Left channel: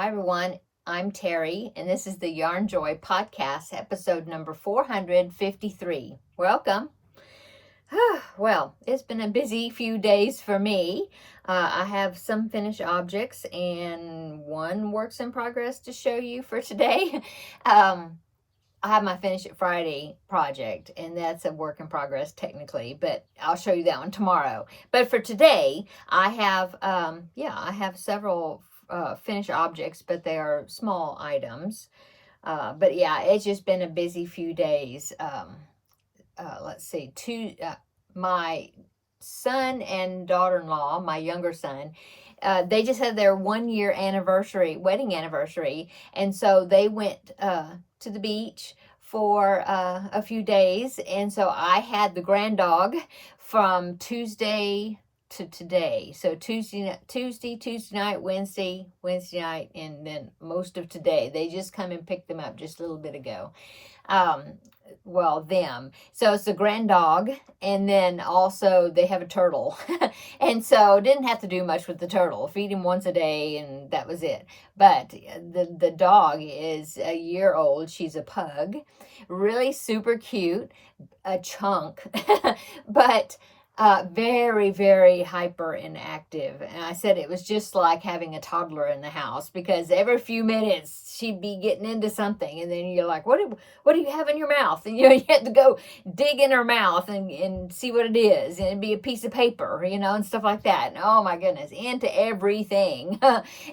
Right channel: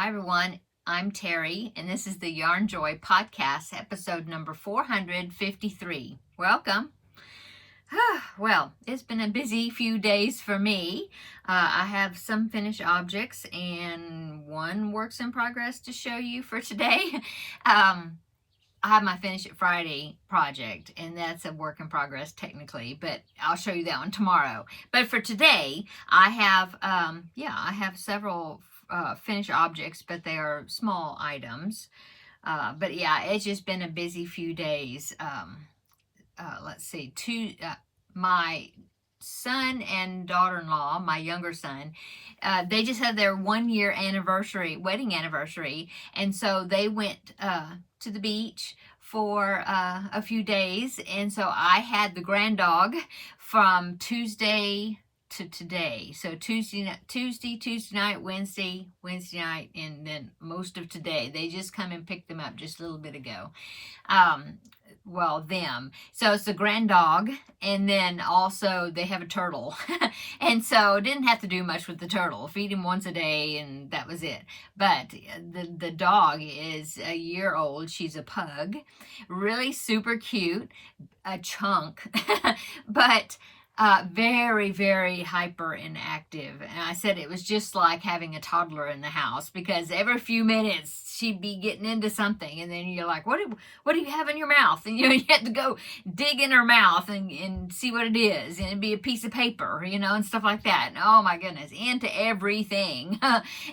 Hi, everyone. I'm Terry, and this is the Yarn Joy podcast, episode number 453. Welcome. Well, it's been a busy few days for me. I have some finished objects and one works in progress to show you for today. I have my Finish It Friday project, and that's a work in progress technically, but I'll show you that one tomorrow. But for today, I have several finished objects, but they are small items. But yeah, it's just been a busy few days. Let's see, my son and daughter-in-law, my younger son, they just had their 1 year wedding anniversary, and so they went to the beach for a few days, and so I had the grand dog from Tuesday to today. So Tuesday night, Wednesday night, and then most of today. They just come and picked them up just a little bit ago. Them. So it's a grand dog, and then also they have a turtle. And so didn't have to do much with the turtle. Feed him once a day, and that was it. But the dog is a year old. She's a pug. Really super cute. A chunk. But very, very hyper and active. And I said it was just like having a toddler in the house, because every few minutes she'd be getting into something, and then you're like, what do you have in your mouth? And you had to go dig in her mouth and see what it is, and it'd be a piece of paper, and stuff like that. And oh my goodness, into everything.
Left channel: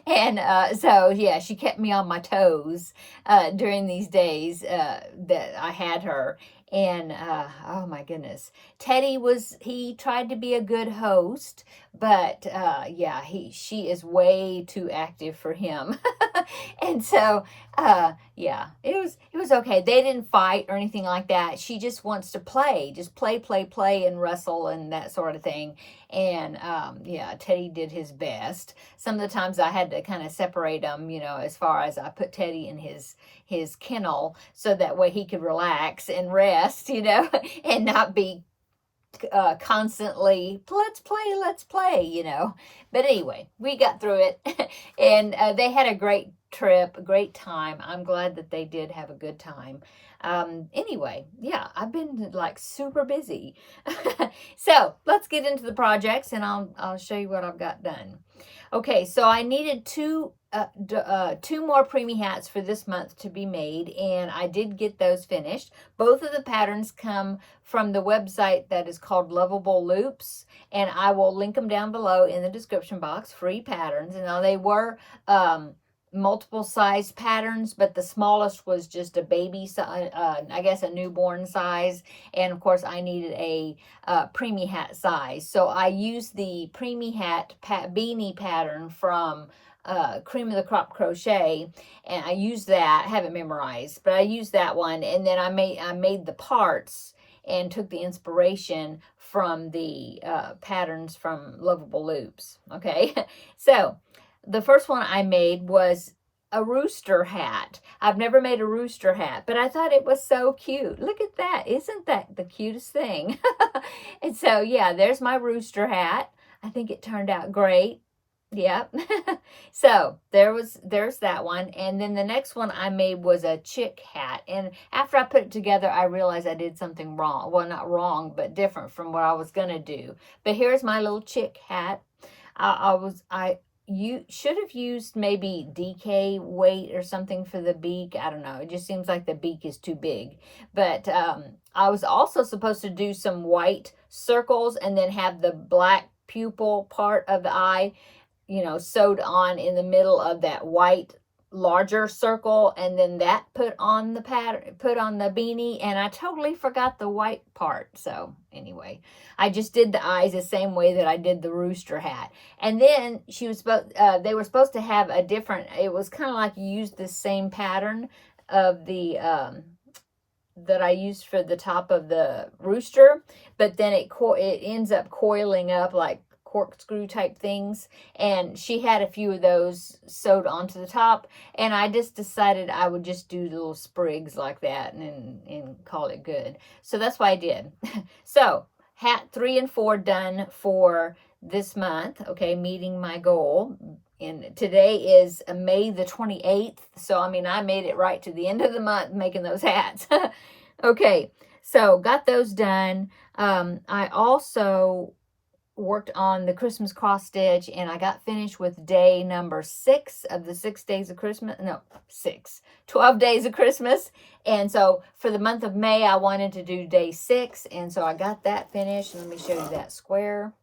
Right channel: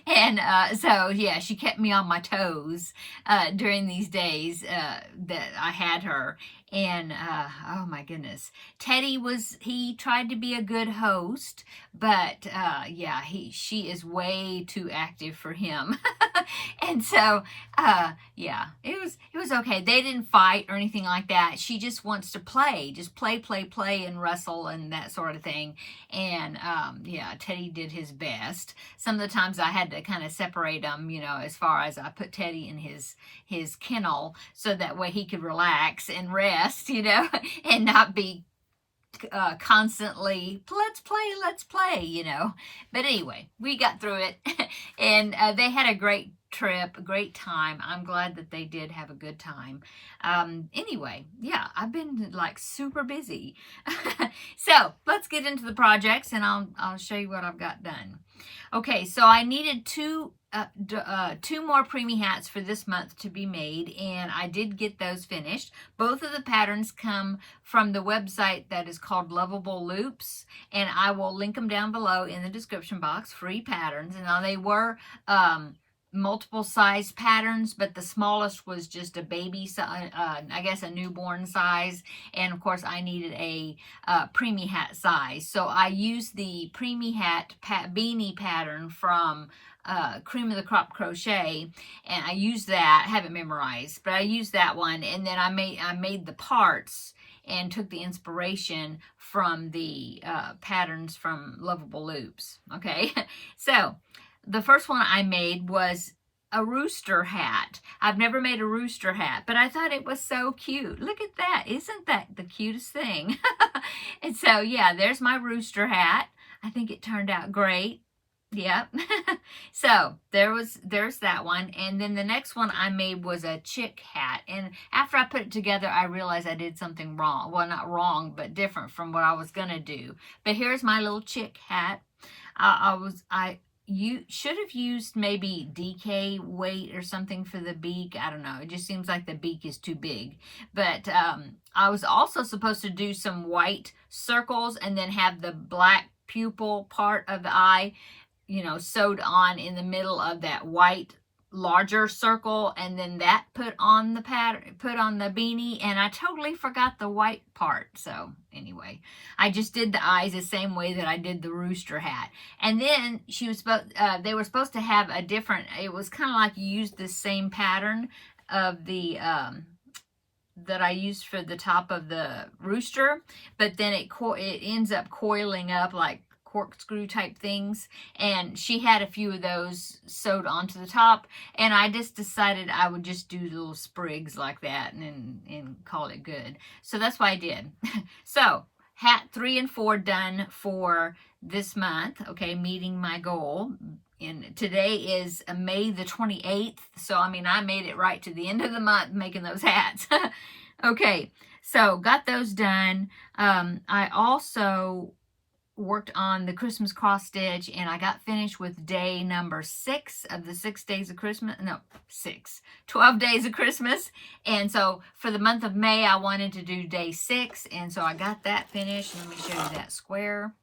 And so yeah, she kept me on my toes during these days that I had her. And oh my goodness, he tried to be a good host, but she is way too active for him. And so it was okay. They didn't fight or anything like that. She just wants to play, play and wrestle and that sort of thing. And Teddy did his best. Some of the times I had to kind of separate them, as far as I put Teddy in his kennel so that way he could relax and rest, and not be constantly, let's play. But anyway, we got through it. And they had a great trip, a great time. I'm glad that they did have a good time. Anyway, yeah, I've been like super busy. So let's get into the projects, and I'll show you what I've got done. Okay, so I needed two more preemie hats for this month to be made, and I did get those finished. Both of the patterns come from the website that is called Lovable Loops, and I will link them down below in the description box. Free patterns. And now they were multiple size patterns, but the smallest was just a baby size, I guess a newborn size, and of course I needed a preemie hat size, so I used the preemie hat beanie pattern from Cream of the Crop Crochet, and I used that. I haven't memorized, but I used that one, and then I made the parts and took the inspiration from the patterns from Lovable Loops. Okay, so the first one I made was a rooster hat. I've never made a rooster hat, but I thought it was so cute. Look at that. Isn't that the cutest thing? And so, yeah, there's my rooster hat. I think it turned out great. Yep. So there's that one. And then the next one I made was a chick hat. And after I put it together, I realized I did something wrong. Well, not wrong, but different from what I was going to do. But here's my little chick hat. You should have used maybe DK weight or something for the beak. I don't know. It just seems like the beak is too big. But I was also supposed to do some white circles and then have the black pupil part of the eye, sewed on in the middle of that white larger circle, and then that put on the beanie, and I totally forgot the white part. So anyway, I just did the eyes the same way that I did the rooster hat. And then they were supposed to have a different, it was kind of like you used the same pattern of the that I used for the top of the rooster, but then it ends up coiling up like corkscrew type things, and she had a few of those sewed onto the top, and I just decided I would just do little sprigs like that and call it good. So that's what I did. So hat 3 and 4 done for this month. Okay, meeting my goal. today is May the 28th. So, I mean, I made it right to the end of the month making those hats. Okay, so got those done. I also worked on the Christmas cross stitch, and I got finished with day number 6 of the 6 days of Christmas. No, 12 days of Christmas. And so for the month of May, I wanted to do day 6. And so I got that finished. Let me show you that square.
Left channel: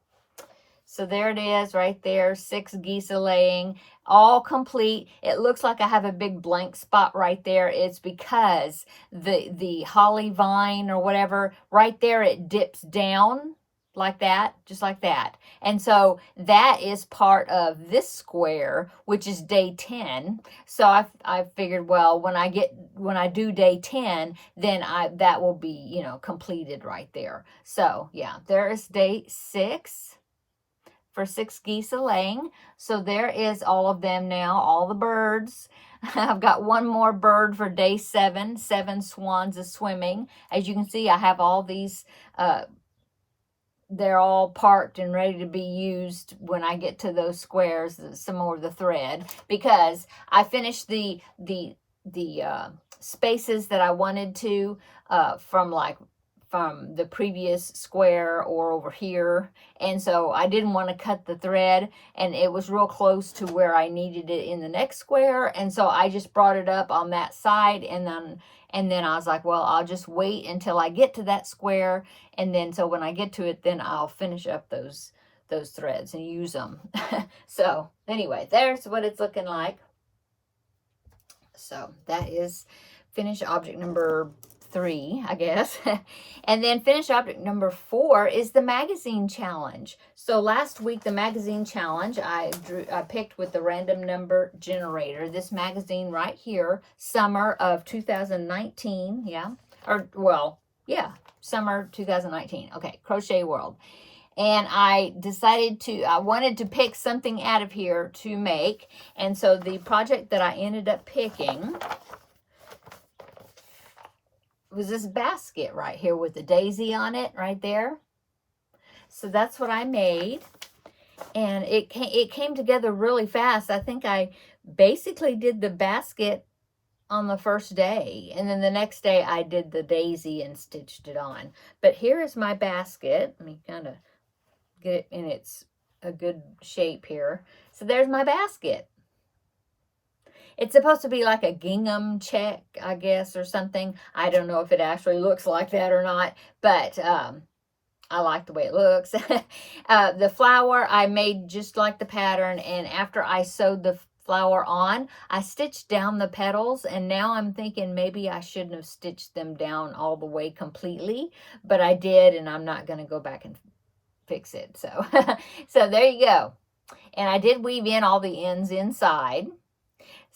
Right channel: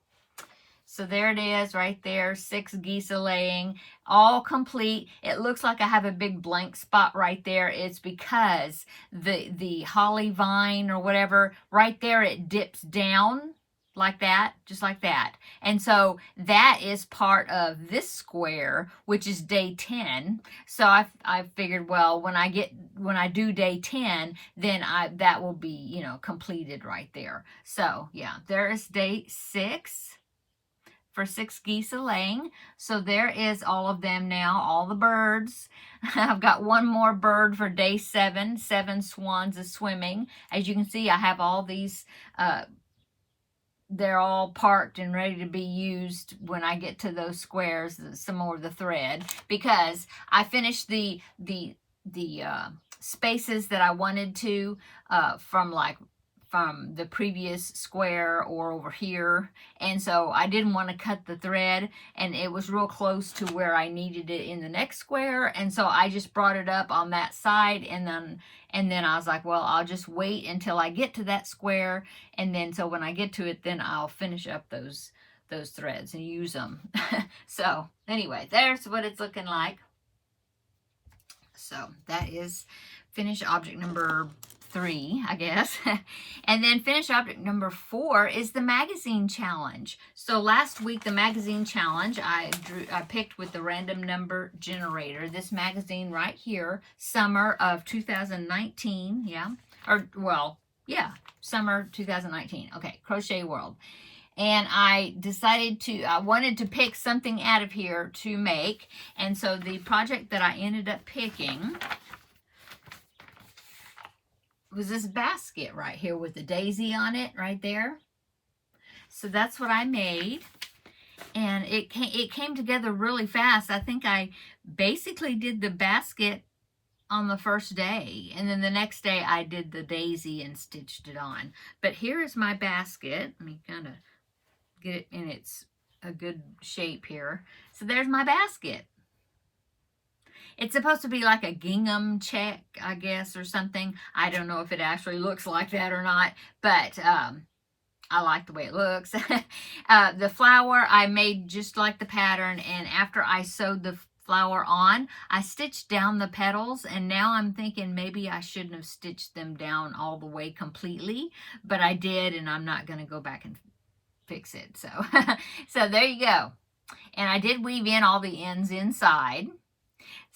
So there it is right there, 6 geese a laying, all complete. It looks like I have a big blank spot right there. It's because the holly vine or whatever, right there, it dips down like that, just like that. And so that is part of this square, which is day 10. So I figured, well, when I do day 10, then that will be, you know, completed right there. So yeah, there is day 6 for 6 geese a laying. So there is all of them now, all the birds. I've got one more bird for day 7, 7 swans is swimming. As you can see, I have all these, they're all parked and ready to be used when I get to those squares, some more of the thread, because I finished the spaces that I wanted to from the previous square or over here. And so I didn't want to cut the thread, and it was real close to where I needed it in the next square. And so I just brought it up on that side, and then I was like, well, I'll just wait until I get to that square. And then so when I get to it, then I'll finish up those threads and use them. So anyway, there's what it's looking like. So that is finished object number 3, I guess. And then finished object number 4 is the magazine challenge. So last week, the magazine challenge, I picked with the random number generator, this magazine right here, summer of 2019. Yeah. Or, well, yeah, summer 2019. Okay. Crochet World. And I decided I wanted to pick something out of here to make. And so the project that I ended up picking was this basket right here with the daisy on it right there. So that's what I made, and it came together really fast. I think I basically did the basket on the first day, and then the next day I did the daisy and stitched it on. But here is my basket. Let me kind of get it in a good shape here. So there's my basket. It's supposed to be like a gingham check, I guess, or something. I don't know if it actually looks like that or not, but I like the way it looks. The flower I made just like the pattern, and after I sewed the flower on, I stitched down the petals, and now I'm thinking maybe I shouldn't have stitched them down all the way completely, but I did, and I'm not going to go back and fix it. So, so there you go. And I did weave in all the ends inside.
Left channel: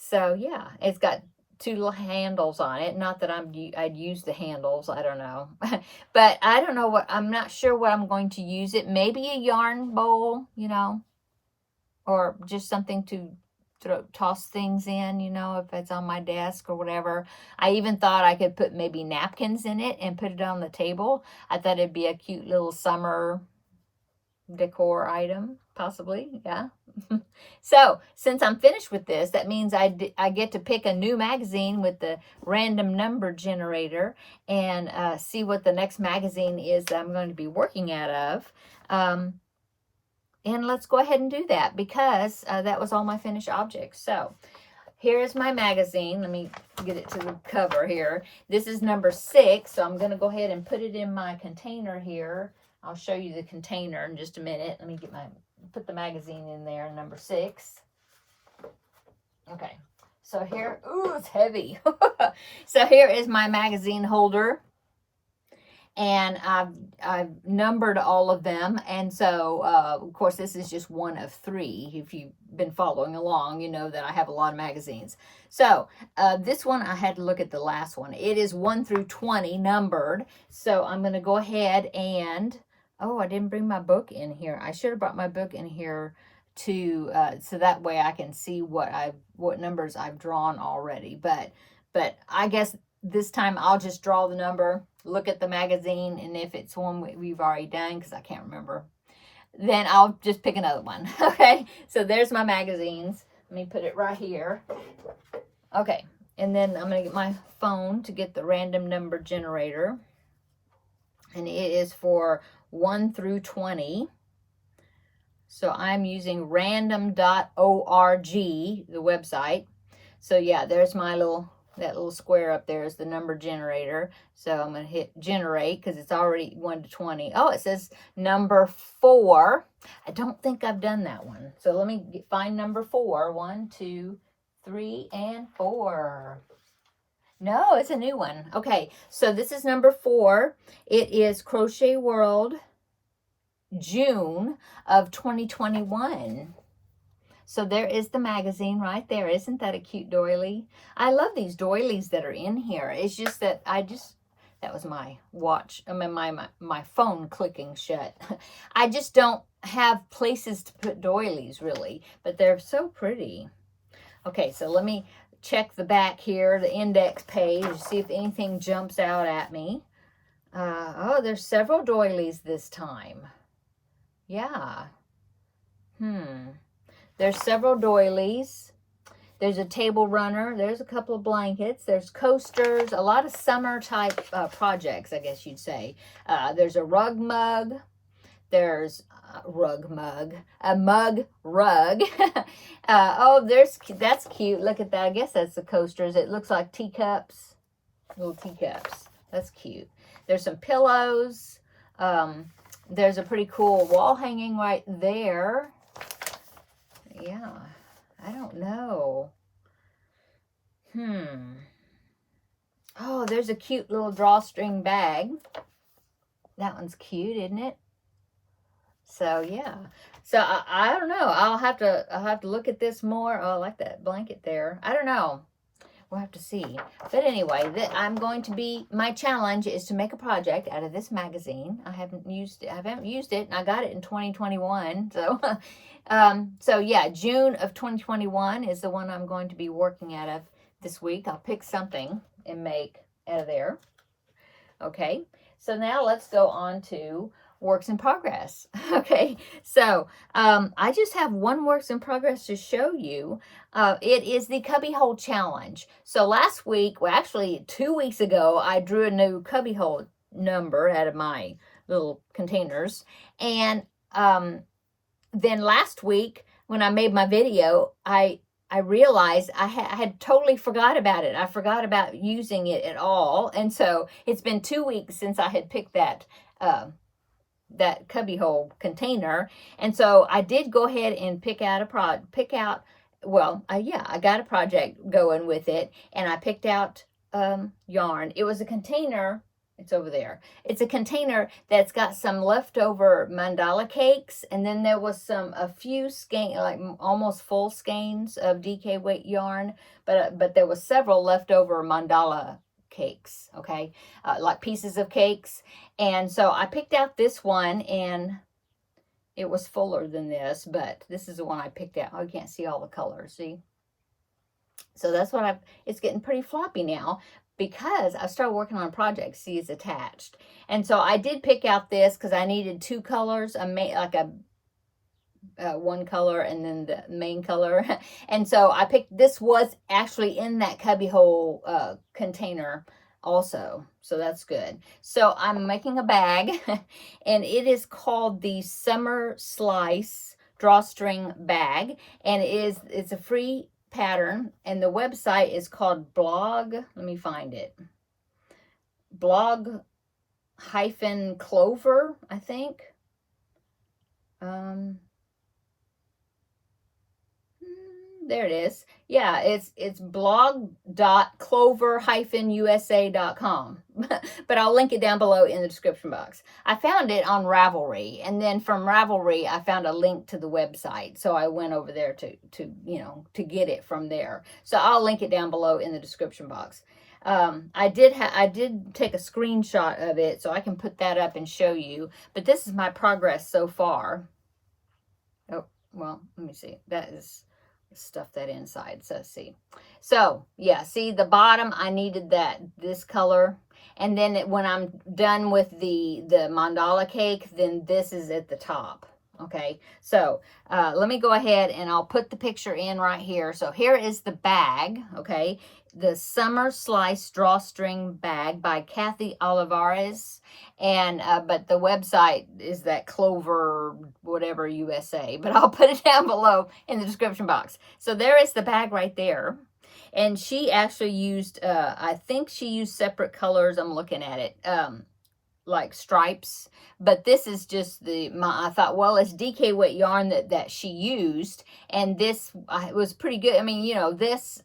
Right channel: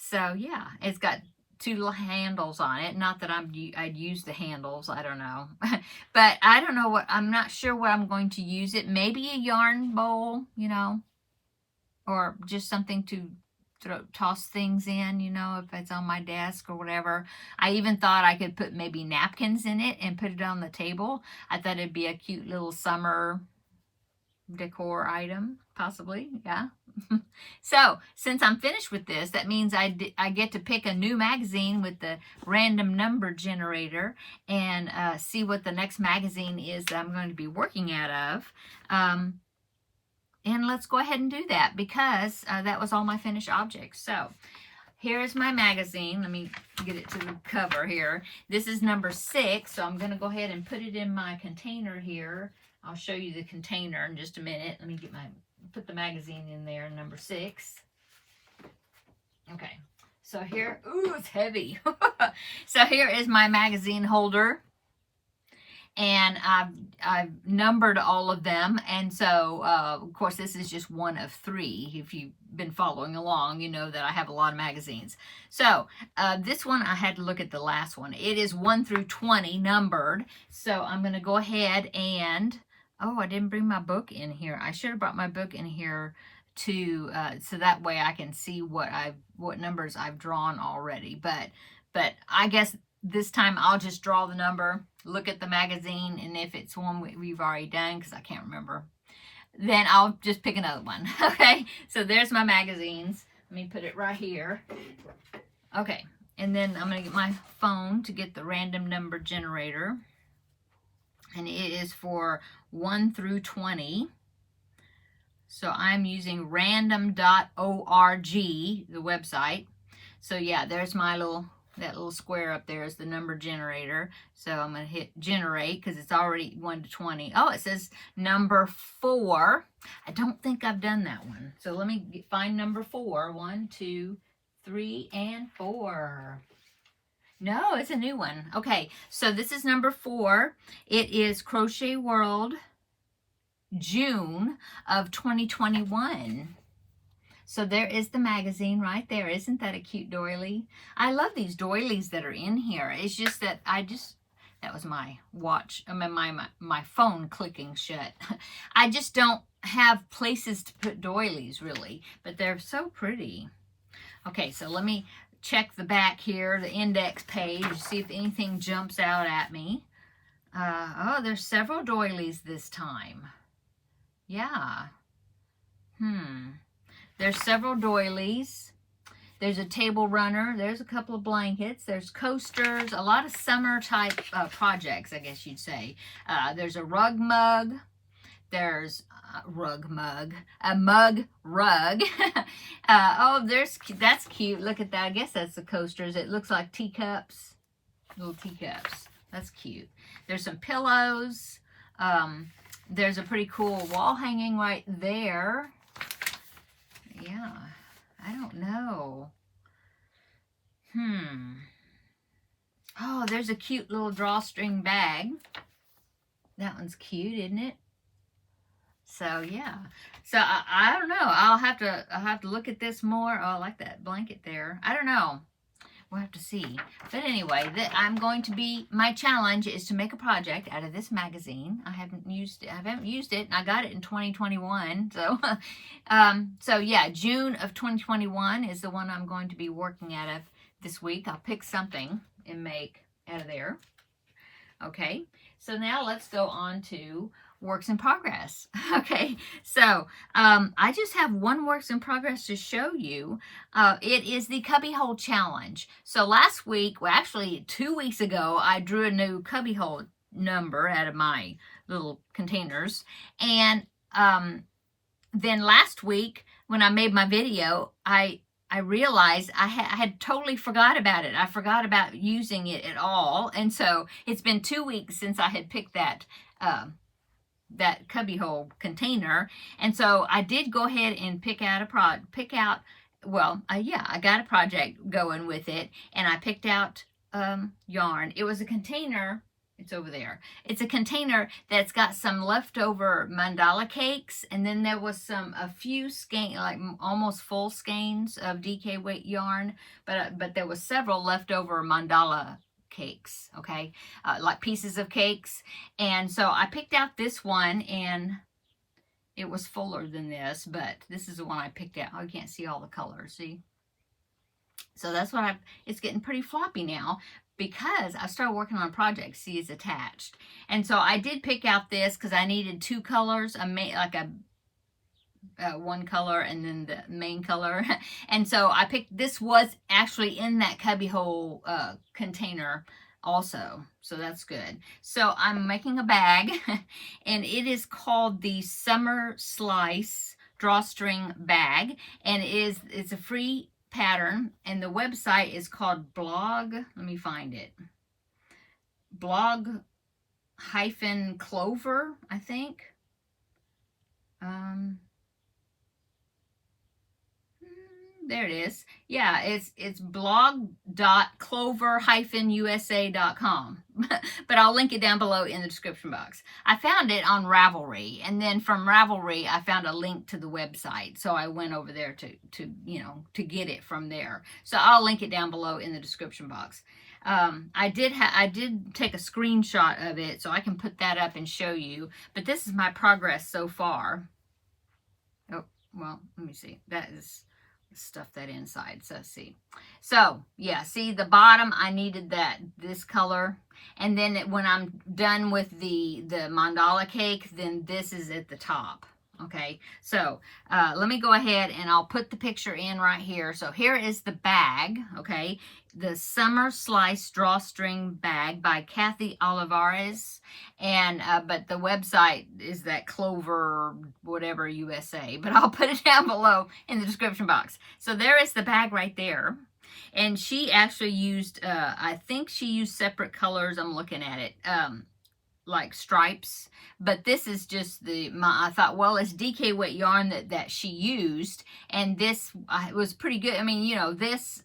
So yeah, it's got 2 little handles on it. Not that I'd use the handles. I don't know. But I don't know I'm not sure what I'm going to use it. Maybe a yarn bowl, you know, or just something to toss things in, you know, if it's on my desk or whatever. I even thought I could put maybe napkins in it and put it on the table. I thought it'd be a cute little summer decor item, possibly. Yeah. So since I'm finished with this, that means I get to pick a new magazine with the random number generator and see what the next magazine is that I'm going to be working out of. And let's go ahead and do that, because that was all my finished objects. So here is my magazine. Let me get it to the cover here. This is number 6, so I'm going to go ahead and put it in my container here. I'll show you the container in just a minute. Let me put the magazine in there, number 6. Okay, so here, ooh, it's heavy. So here is my magazine holder, and I've numbered all of them. And so, of course, this is just one of 3. If you've been following along, you know that I have a lot of magazines. So this one, I had to look at the last one. It is 1 through 20 numbered. So I'm going to go ahead and, oh, I didn't bring my book in here. I should have brought my book in here too, so that way I can see what numbers I've drawn already. But I guess this time I'll just draw the number, look at the magazine, and if it's one we've already done, because I can't remember. then I'll just pick another one. Okay, so there's my magazines. Let me put it right here. Okay, and then I'm going to get my phone to get the random number generator. And it is for 1 through 20. So I'm using random.org, the website. So yeah, there's my that little square up there is the number generator. So I'm going to hit generate because it's already 1 to 20. Oh, it says number 4. I don't think I've done that one. So let me find number 4. 1, 2, 3, and 4. No, it's a new one. Okay, so this is number 4. It is Crochet World, June of 2021. So there is the magazine right there. Isn't that a cute doily? I love these doilies that are in here. It's just that that was my watch, I mean my phone clicking shut. I just don't have places to put doilies really, but they're so pretty. Okay, so let me check the back here, the index page, see if anything jumps out at me. Oh, there's several doilies this time. Yeah. There's several doilies. There's a table runner. There's a couple of blankets. There's coasters. A lot of summer type projects, I guess you'd say. There's a rug mug. There's a mug rug. Oh, that's cute. Look at that. I guess that's the coasters. It looks like teacups, little teacups. That's cute. There's some pillows. There's a pretty cool wall hanging right there. Yeah, I don't know. Oh, there's a cute little drawstring bag. That one's cute, isn't it? So yeah, so I don't know. I'll have to look at this more. Oh, I like that blanket there. I don't know. We'll have to see. But anyway, my challenge is to make a project out of this magazine. I haven't used it, and I got it in 2021. So, so yeah, June of 2021 is the one I'm going to be working out of this week. I'll pick something and make out of there. Okay, so now let's go on to works in progress. Okay, so I just have one works in progress to show you. It is the cubbyhole challenge. So last week, well actually 2 weeks ago, I drew a new cubbyhole number out of my little containers. And then last week when I made my video, I realized I had totally forgot about it. I forgot about using it at all. And so it's been 2 weeks since I had picked that cubbyhole container. And so I did go ahead and I got a project going with it, and I picked out yarn. It was a container. It's over there. It's a container that's got some leftover mandala cakes, and then there was a few skeins, like almost full skeins of DK weight yarn, but there was several leftover mandala cakes, okay, like pieces of cakes. And so I picked out this one, and it was fuller than this, but this is the one I picked out. Oh, you can't see all the colors, see? So that's what it's getting pretty floppy now because I started working on a project. See, it's attached. And so I did pick out this because I needed 2 colors, one color and then the main color. And so I picked, this was actually in that cubbyhole container also. So that's good. So I'm making a bag and it is called the Summer Slice Drawstring Bag. And it's a free pattern, and the website is called let me find it. blog-clover, I think. There it is. Yeah, it's blog.clover-usa.com. But I'll link it down below in the description box. I found it on Ravelry, and then from Ravelry I found a link to the website. So I went over there to get it from there. So I'll link it down below in the description box. I did take a screenshot of it, so I can put that up and show you. But this is my progress so far. Oh, well, let me see. That is stuff that inside. So see, so yeah, see the bottom, I needed this color, and then when I'm done with the mandala cake, then this is at the top. Okay, so let me go ahead and I'll put the picture in right here. So here is the bag, okay? The Summer Slice Drawstring Bag by Kathy Olivares. And, but the website is that Clover, whatever, USA. But I'll put it down below in the description box. So there is the bag right there. And she actually used, I think she used separate colors. I'm looking at it. Like stripes, but this is just I thought, well, it's DK wet yarn that she used, and this was pretty good. I mean, you know, this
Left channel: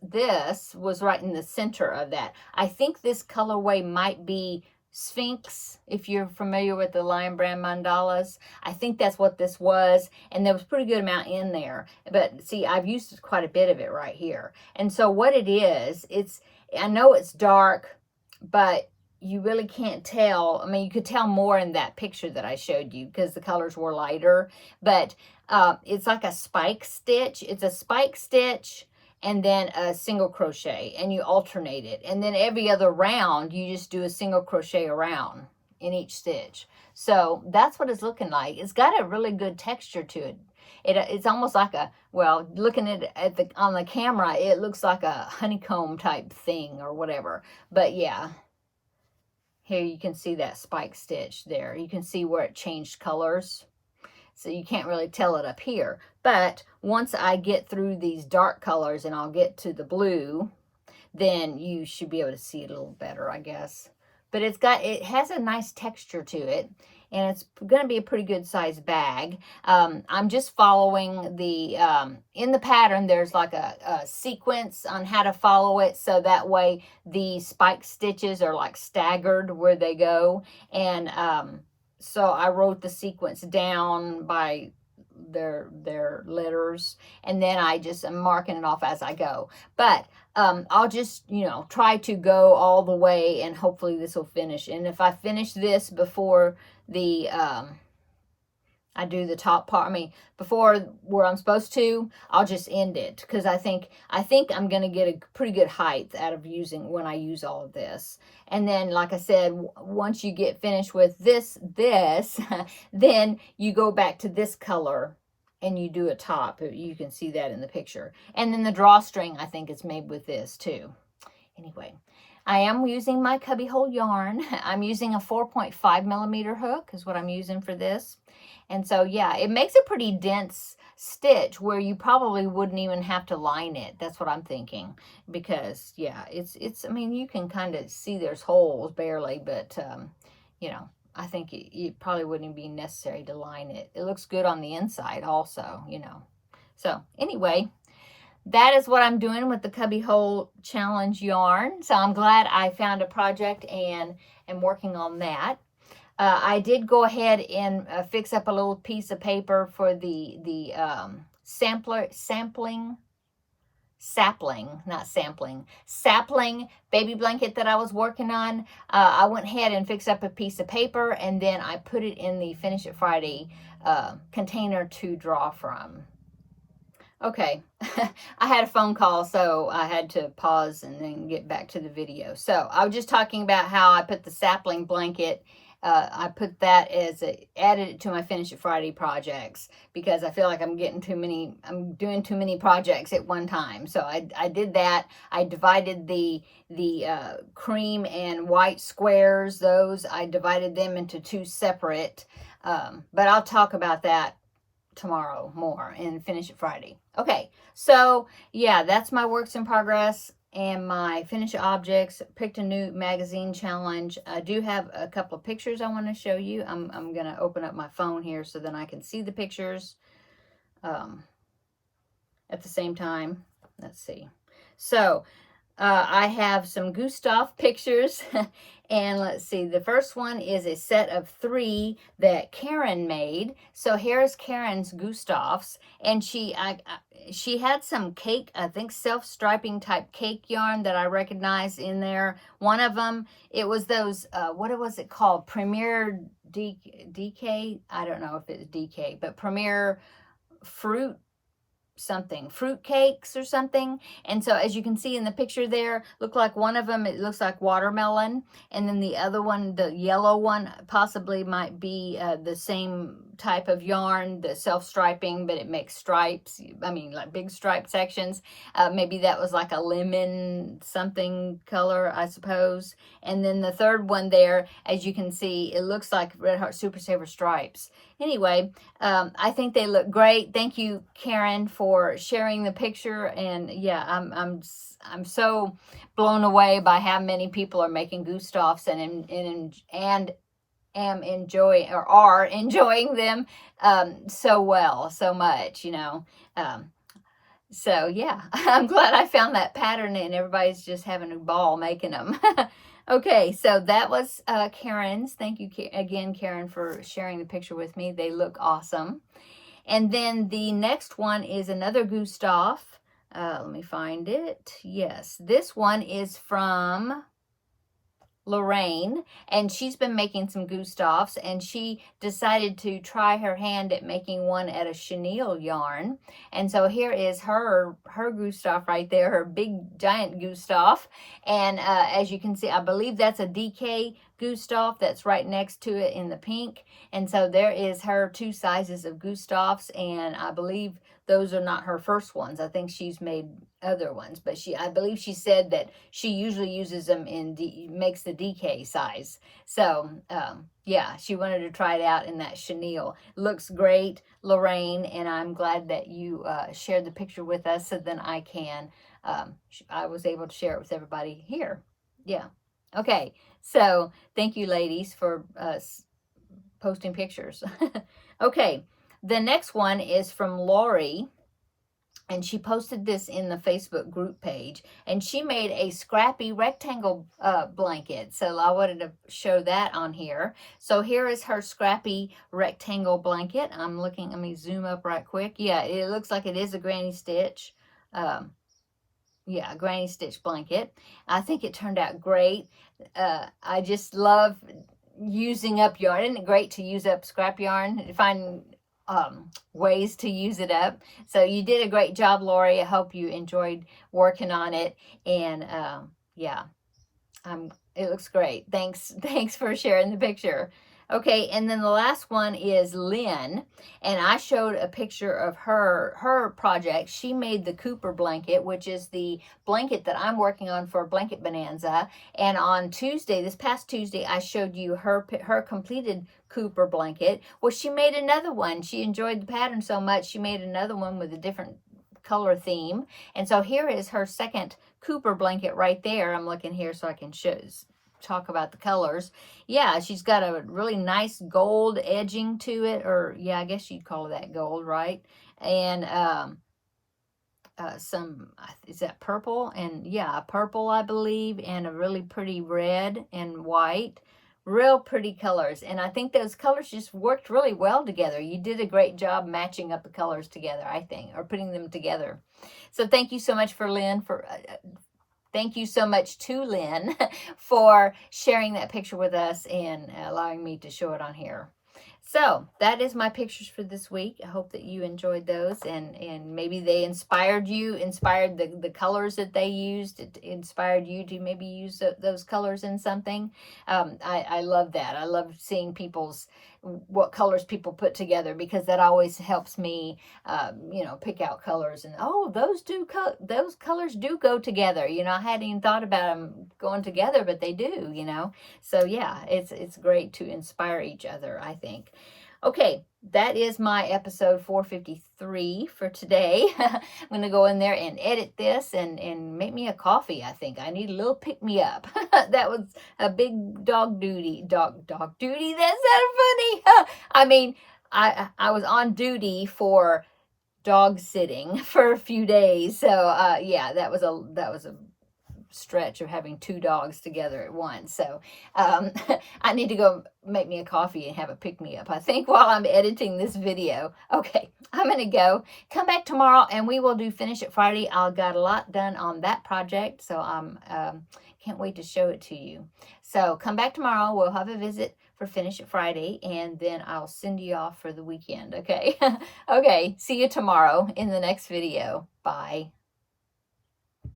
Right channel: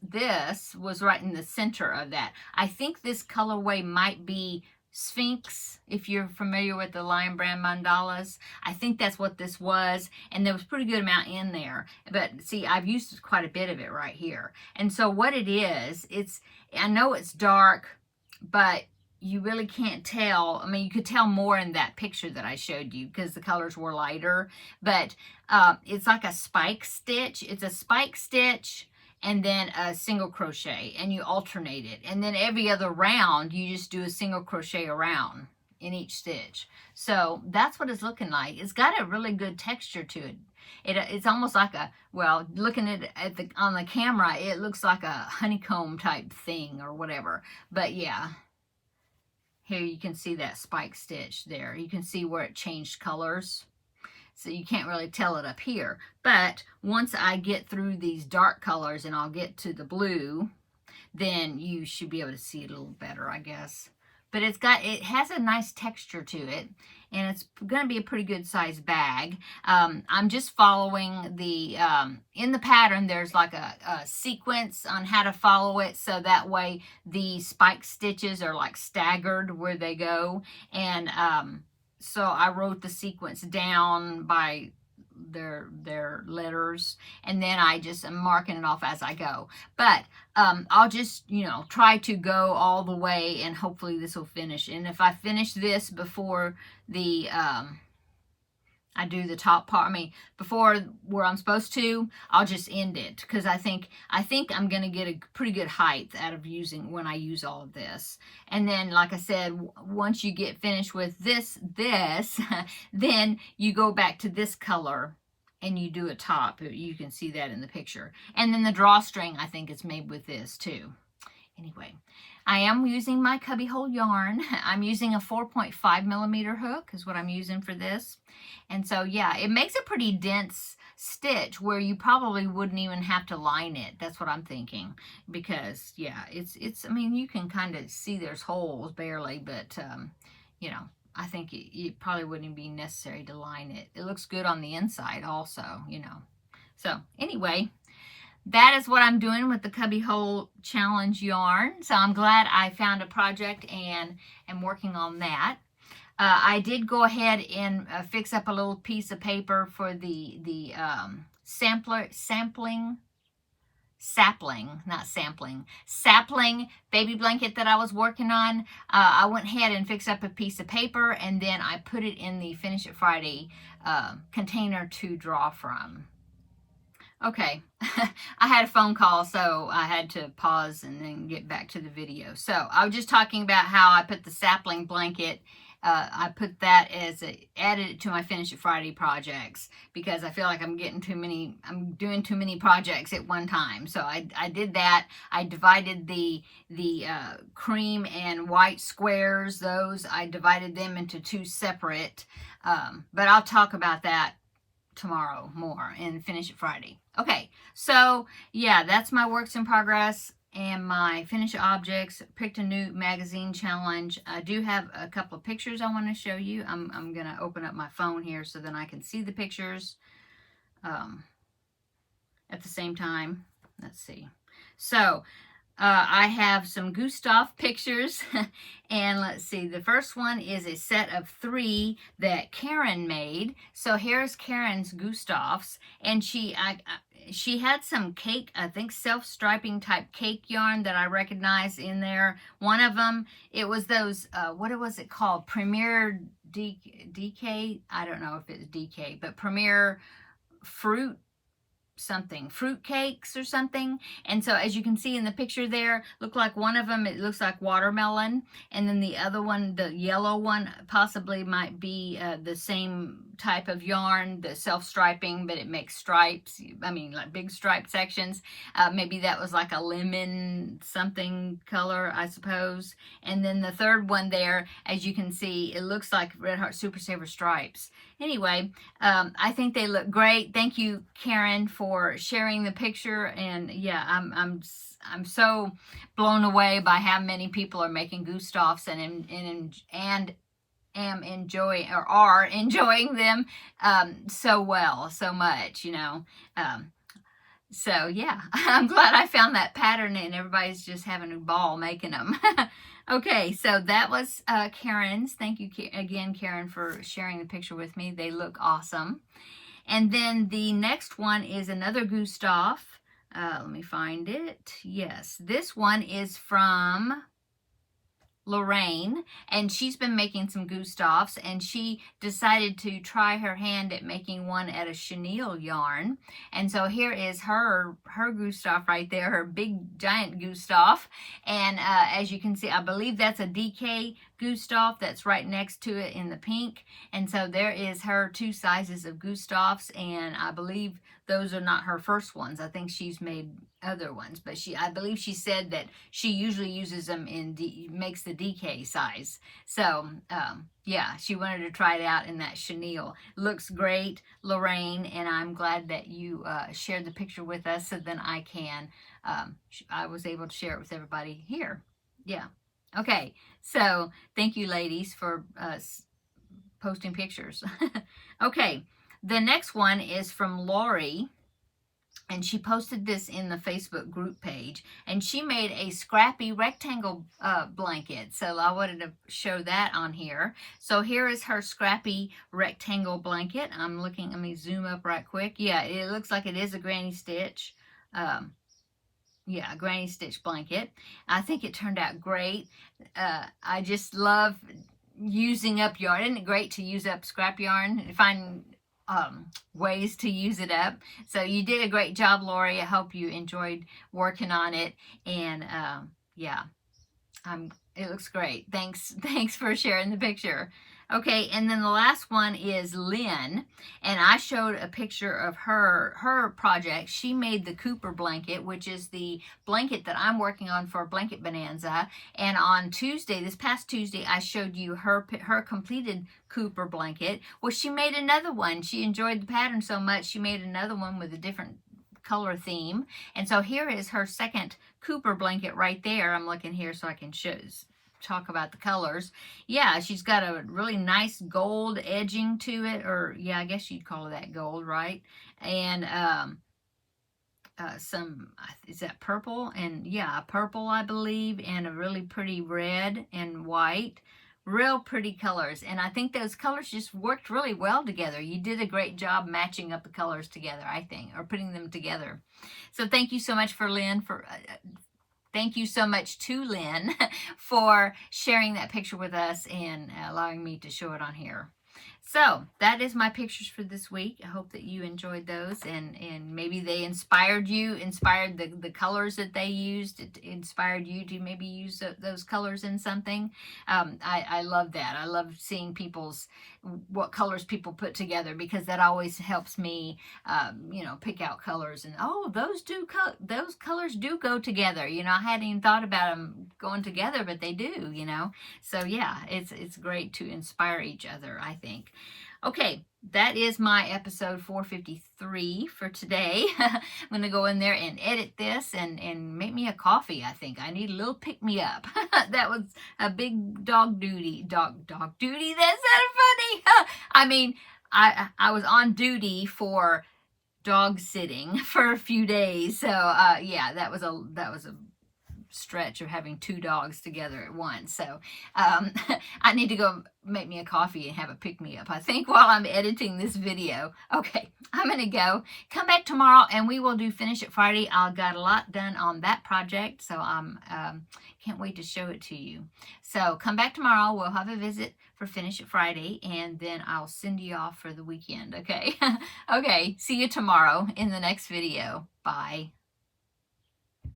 was right in the center of that. I think this colorway might be Sphinx, if you're familiar with the Lion Brand mandalas. I think that's what this was, and there was a pretty good amount in there, but see, I've used quite a bit of it right here. And so what it is, I know it's dark, but you really can't tell. I mean, you could tell more in that picture that I showed you because the colors were lighter, but it's like a spike stitch. It's a spike stitch and then a single crochet, and you alternate it. And then every other round, you just do a single crochet around in each stitch. So that's what it's looking like. It's got a really good texture to it. It's almost like well, looking at on the camera, it looks like a honeycomb type thing or whatever. But yeah. Here you can see that spike stitch there. You can see where it changed colors. So you can't really tell it up here. But once I get through these dark colors and I'll get to the blue, then you should be able to see it a little better, I guess. But it has a nice texture to it, and it's going to be a pretty good size bag. I'm just following in the pattern, there's like a sequence on how to follow it, so that way the spike stitches are like staggered where they go. And so I wrote the sequence down by their letters, and then I'm marking it off as I go. But I'll just, you know, try to go all the way, and hopefully this will finish. And if I finish this before the I do the top part, I mean, before where I'm supposed to, I'll just end it, because I think I'm going to get a pretty good height out of when I use all of this. And then, like I said, once you get finished with this, then you go back to this color and you do a top. You can see that in the picture. And then the drawstring, I think, is made with this too. Anyway, I am using my cubbyhole yarn. I'm using a 4.5 millimeter hook is what I'm using for this. And so, yeah, it makes a pretty dense stitch where you probably wouldn't even have to line it. That's what I'm thinking. Because, yeah, I mean, you can kind of see there's holes barely, but, you know, I think it probably wouldn't even be necessary to line it. It looks good on the inside also, you know. So, anyway, that is what I'm doing with the Cubbyhole Challenge yarn. So I'm glad I found a project and am working on that. I did go ahead and fix up a little piece of paper for the sapling baby blanket that I was working on. I went ahead and fixed up a piece of paper, and then I put it in the Finish It Friday container to draw from. Okay, I had a phone call, so I had to pause and then get back to the video. So I was just talking about how I put the sapling blanket, I put that added it to my Finish It Friday projects, because I feel like I'm doing too many projects at one time. So I did that. I divided the cream and white squares, I divided them into two separate, but I'll talk about that tomorrow more and Finish It Friday. Okay, so yeah, that's my works in progress and my finished objects. Picked a new magazine challenge. I do have a couple of pictures I want to show you. I'm going to open up my phone here so then I can see the pictures at the same time. Let's see. So I have some Gustav pictures, and let's see, the first one is a set of 3 that Karen made. So here's Karen's Gustavs, and she had some cake, I think self-striping type cake yarn that I recognized in there. One of them, it was those, what was it called? Premier DK? I don't know if it's DK, but Premier Fruit something, fruit cakes or something. And so as you can see in the picture there, look like one of them, it looks like watermelon. And then the other one, the yellow one, possibly might be the same type of yarn, the self-striping, but it makes stripes. I mean, like big stripe sections. Maybe that was like a lemon something color, I suppose. And then the third one there, as you can see, it looks like Red Heart Super Saver stripes. Anyway, I think they look great. Thank you, Karen, for sharing the picture. And yeah, I'm so blown away by how many people are making Gustafs and am enjoying or are enjoying them so much, you know. So yeah, I'm glad I found that pattern and everybody's just having a ball making them. Okay, so that was Karen's. Thank you again, Karen, for sharing the picture with me. They look awesome. And then the next one is another Gustaf. Let me find it. Yes, this one is from Lorraine, and she's been making some Gustafs, and she decided to try her hand at making one at a chenille yarn. And so here is her Gustaf right there, her big giant Gustaf. And as you can see, I believe that's a DK Gustaf that's right next to it in the pink. And so there is her two sizes of Gustafs, and I believe those are not her first ones. I think she's made other ones, but I believe she said that she usually uses them makes the DK size. So yeah, she wanted to try it out in that chenille. Looks great, Lorraine, and I'm glad that you shared the picture with us, so then I was able to share it with everybody here. Yeah. Okay, so thank you, ladies, for posting pictures. Okay, the next one is from Lori, and she posted this in the Facebook group page, and she made a scrappy rectangle blanket. So I wanted to show that on here. So here is her scrappy rectangle blanket. Let me zoom up right quick. Yeah, it looks like it is a granny stitch. Yeah, granny stitch blanket. I think it turned out great. I just love using up yarn. Isn't it great to use up scrap yarn? Find ways to use it up. So you did a great job, Lori. I hope you enjoyed working on it. And yeah, it looks great. Thanks for sharing the picture. Okay, and then the last one is Lynn, and I showed a picture of her project. She made the Cooper blanket, which is the blanket that I'm working on for Blanket Bonanza. And on Tuesday, this past Tuesday, I showed you her completed Cooper blanket. Well, she made another one. She enjoyed the pattern so much, she made another one with a different color theme. And so here is her second Cooper blanket right there. I'm looking here so I can talk about the colors. Yeah, she's got a really nice gold edging to it, or yeah, I guess you'd call that gold, right? And is that purple? And yeah, purple, I believe, and a really pretty red and white. Real pretty colors, and I think those colors just worked really well together. You did a great job matching up the colors together, I think, or putting them together. So thank you so much for Lynn thank you so much to Lynn for sharing that picture with us and allowing me to show it on here. So that is my pictures for this week. I hope that you enjoyed those, and maybe they inspired the colors that they used. It inspired you to maybe use those colors in something. I love that. I love seeing what colors people put together, because that always helps me, pick out colors. And those colors do go together. I hadn't even thought about them going together, but they do. So yeah, it's great to inspire each other, I think. Okay, that is my episode 453 for today. I'm going to go in there and edit this and make me a coffee, I think. I need a little pick-me-up. That was a big dog duty. Dog duty? That sounded funny. I mean, I was on duty for dog sitting for a few days. So, yeah, that was a stretch of having 2 dogs together at once. So I need to go make me a coffee and have a pick-me-up, I think, while I'm editing this video. Okay, I'm going to go. Come back tomorrow and we will do Finish It Friday. I've got a lot done on that project, so I'm can't wait to show it to you. So come back tomorrow. We'll have a visit for Finish It Friday, and then I'll send you off for the weekend, okay? Okay, see you tomorrow in the next video. Bye.